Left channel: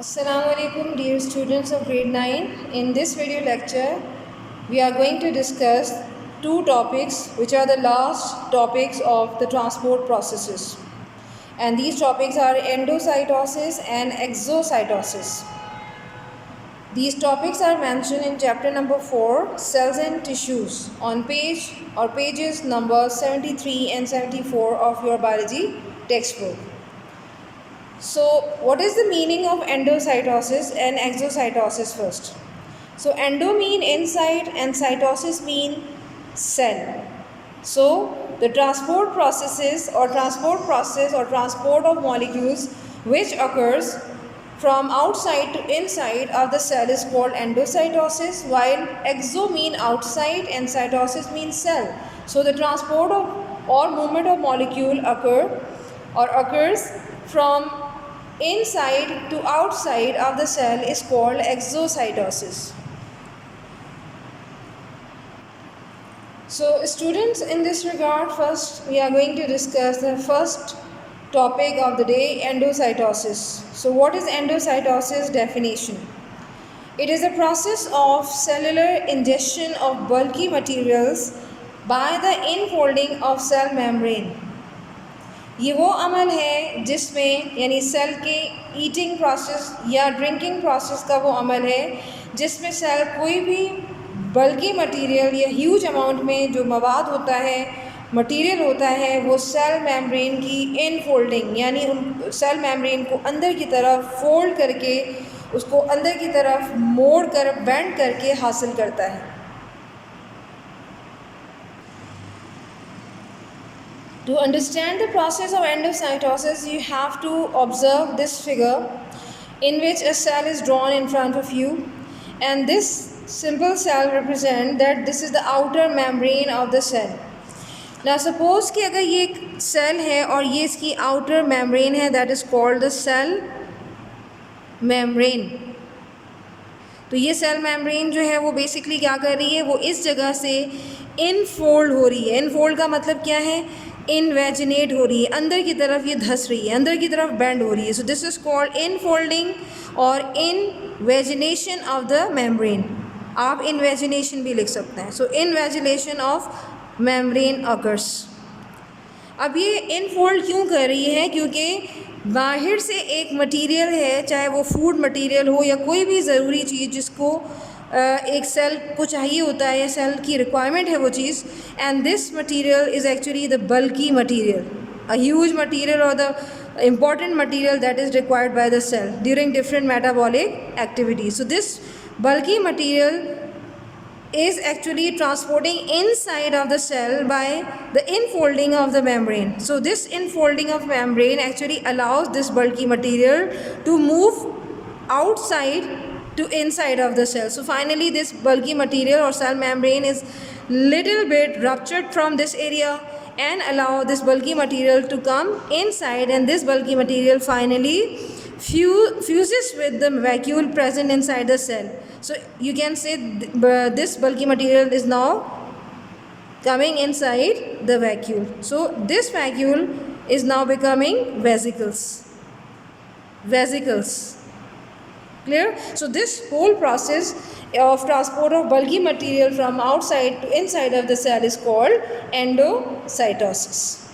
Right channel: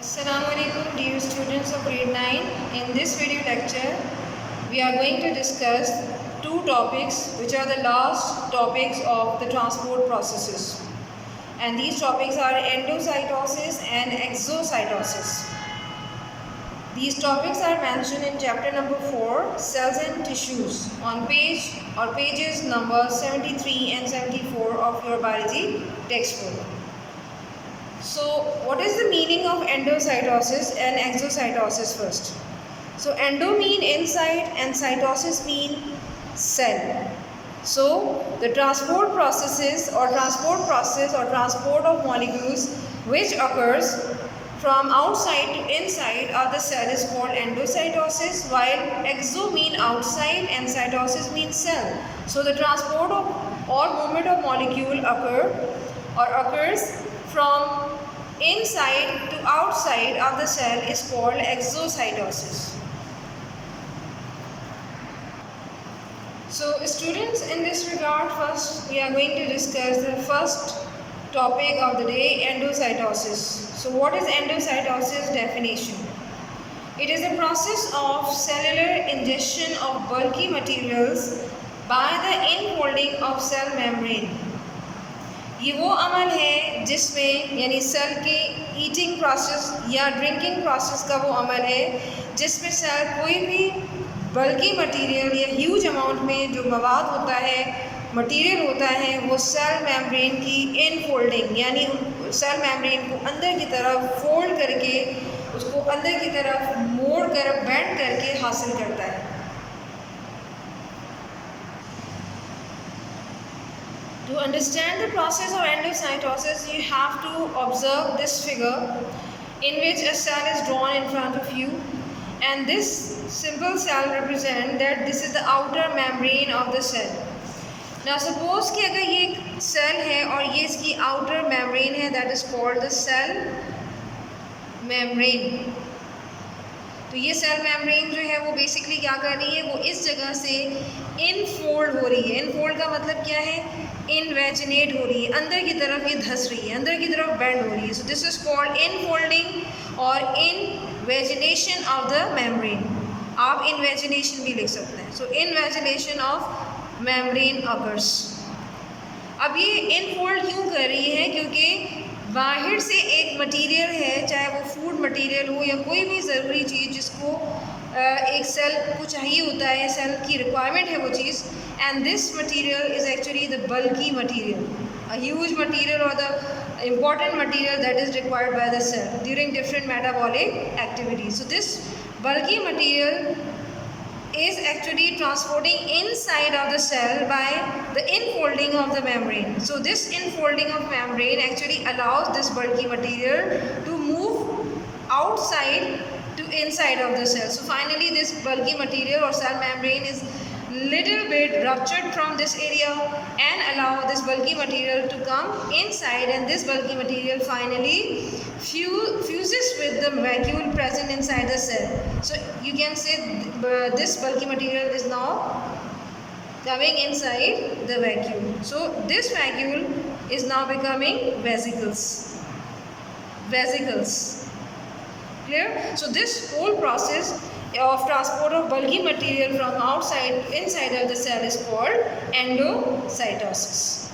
Assalamu alaikum dear students of grade 9. In this video lecture, we are going to discuss two topics which are the last topics of the transport processes. And these topics are endocytosis and exocytosis. These topics are mentioned in chapter number 4, Cells and Tissues, on pages number 73 and 74 of your biology textbook. So, what is the meaning of endocytosis and exocytosis first? So, endo mean inside and cytosis mean cell. So, the transport process or transport of molecules which occurs from outside to inside of the cell is called endocytosis, while exo mean outside and cytosis means cell. So, the transport of or movement of molecule occurs from inside to outside of the cell is called exocytosis. So students, in this regard, first we are going to discuss the first topic of the day, endocytosis. So what is endocytosis? Definition: it is a process of cellular ingestion of bulky materials by the infolding of cell membrane. ये वो अमल है जिसमें यानी cell के eating process या drinking process का वो अमल है जिसमें सेल कोई भी बल्कि मटेरियल या ह्यूज अमाउंट में जो मवाद होता है, मटेरियल होता है, वो सेल मेम्ब्रेन की इनफोल्डिंग यानी उन सेल मेम्ब्रेन को अंदर की तरफ फोल्ड करके उसको अंदर की तरफ मोड़ कर बेंड करके हासिल करता है. To understand the process of endocytosis, you have to observe this figure in which a cell is drawn in front of you, and this simple cell represents that this is the outer membrane of the cell. Now suppose कि अगर ये एक cell है और ये इसकी outer membrane है, that is called the cell membrane. तो ये सेल मेम्ब्रेन जो है वो बेसिकली क्या कर रही है, वो इस जगह से इनफोल्ड हो रही है. इनफोल्ड का मतलब क्या है? इनवेजिनेट हो रही है, अंदर की तरफ ये धस रही है, अंदर की तरफ बेंड हो रही है. So this is called infolding और इनवेजिनेशन ऑफ द मेम्ब्रेन. आप इनवेजिनेशन भी लिख सकते हैं. सो इनवेजिनेशन ऑफ मेम्ब्रेन अकर्स. अब ये इनफोल्ड क्यों कर रही है? क्योंकि बाहर से एक मटेरियल है, चाहे वो फूड मटेरियल हो या कोई भी ज़रूरी चीज़ जिसको एक सेल को चाहिए होता है, सेल की रिक्वायरमेंट है वो चीज़, and this material is actually the bulky material, a huge material और the important material that is required by the cell during different metabolic activities. So this bulky material is actually transporting inside of the cell by the infolding of the membrane. So this infolding of membrane actually allows this bulky material to move outside to inside of the cell. So finally this bulky material or cell membrane is little bit ruptured from this area and allow this bulky material to come inside, and this bulky material finally fuses with the vacuole present inside the cell. So you can say this bulky material is now coming inside the vacuole. So this vacuole is now becoming vesicles. Clear? So this whole process of transport of bulky material from outside to inside of the cell is called endocytosis.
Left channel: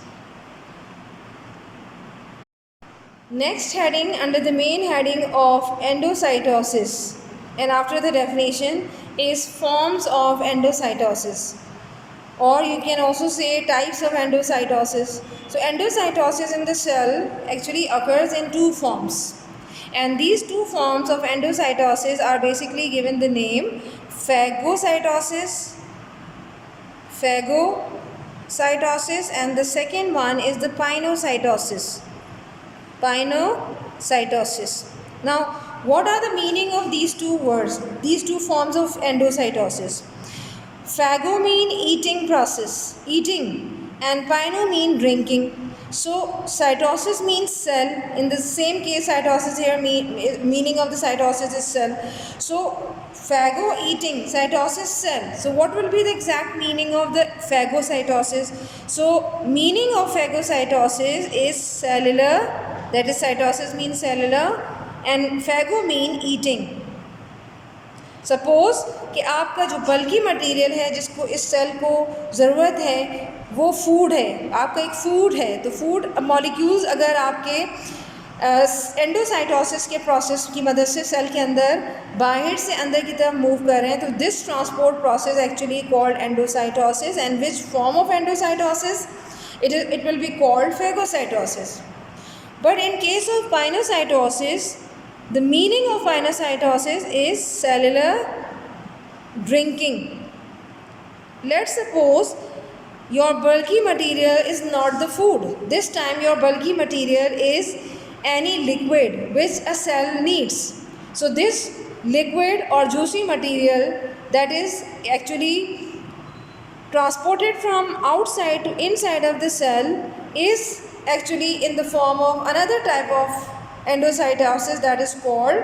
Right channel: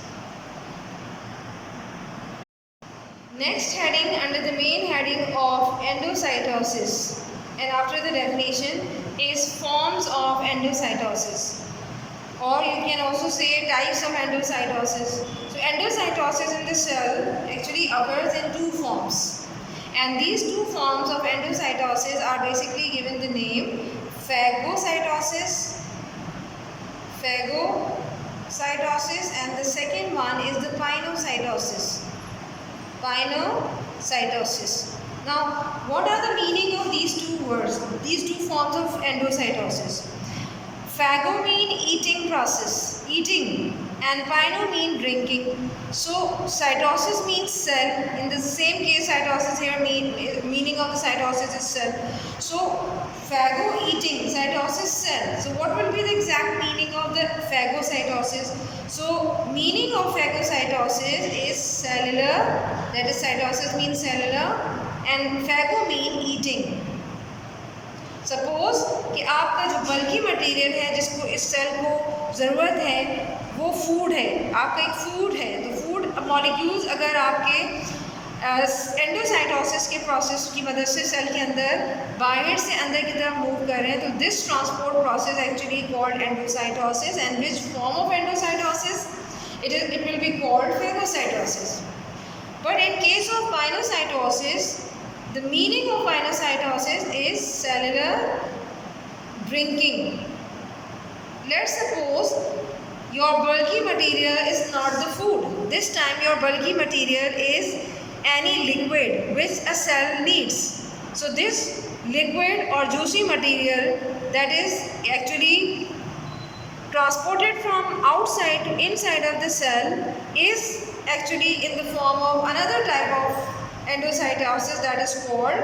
Next heading under the main heading of endocytosis, and after the definition, is forms of endocytosis, or you can also say types of endocytosis. So endocytosis in the cell actually occurs in two forms, and these two forms of endocytosis are basically given the name phagocytosis, and the second one is the pinocytosis. Now, what are the meaning of these two words, these two forms of endocytosis? Phago mean eating process, eating, and pino mean drinking. So cytosis means cell. In the same case, cytosis here meaning of the cytosis is cell. So phago eating, cytosis cell. So what will be the exact meaning of the phagocytosis? So meaning of phagocytosis is cellular, that is cytosis means cellular and phago mean eating. Suppose कि आपका जो बल्कि material है जिसको इस cell को ज़रूरत है वो फूड है, आपका एक फूड है, तो फूड मॉलिक्यूल्स अगर आपके एंडोसाइटोसिस के प्रोसेस की मदद से सेल के अंदर बाहर से अंदर की तरफ मूव कर रहे हैं, तो this transport process actually called endocytosis. And which form of endocytosis? It will be called phagocytosis. But in case of pinocytosis, the meaning of pinocytosis is cellular drinking. Let's suppose your bulky material is not the food. This time your bulky material is any liquid which a cell needs. So this liquid or juicy material that is actually transported from outside to inside of the cell is actually in the form of another type of endocytosis that is called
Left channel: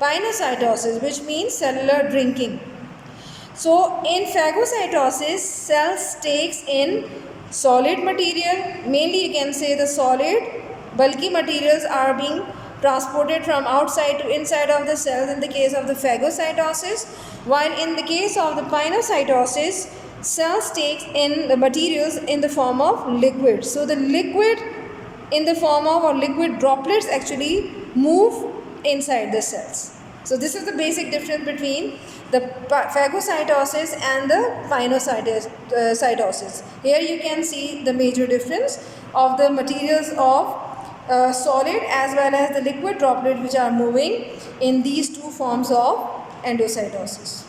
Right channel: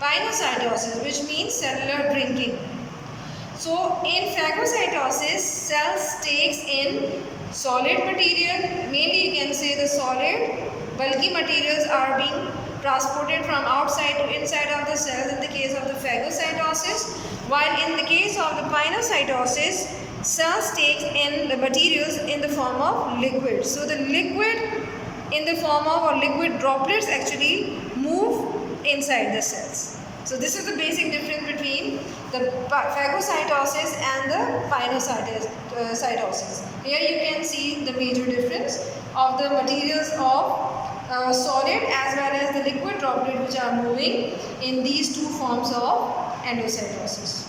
pinocytosis, which means cellular drinking. So in phagocytosis, cells takes in solid material, mainly you can say the solid bulky materials are being transported from outside to inside of the cells in the case of the phagocytosis, while in the case of the pinocytosis, cells takes in the materials in the form of liquid. So the liquid in the form of or liquid droplets actually move inside the cells. So this is the basic difference between the phagocytosis and the pinocytosis. Here you can see the major difference of the materials of solid as well as the liquid droplet which are moving in these two forms of endocytosis.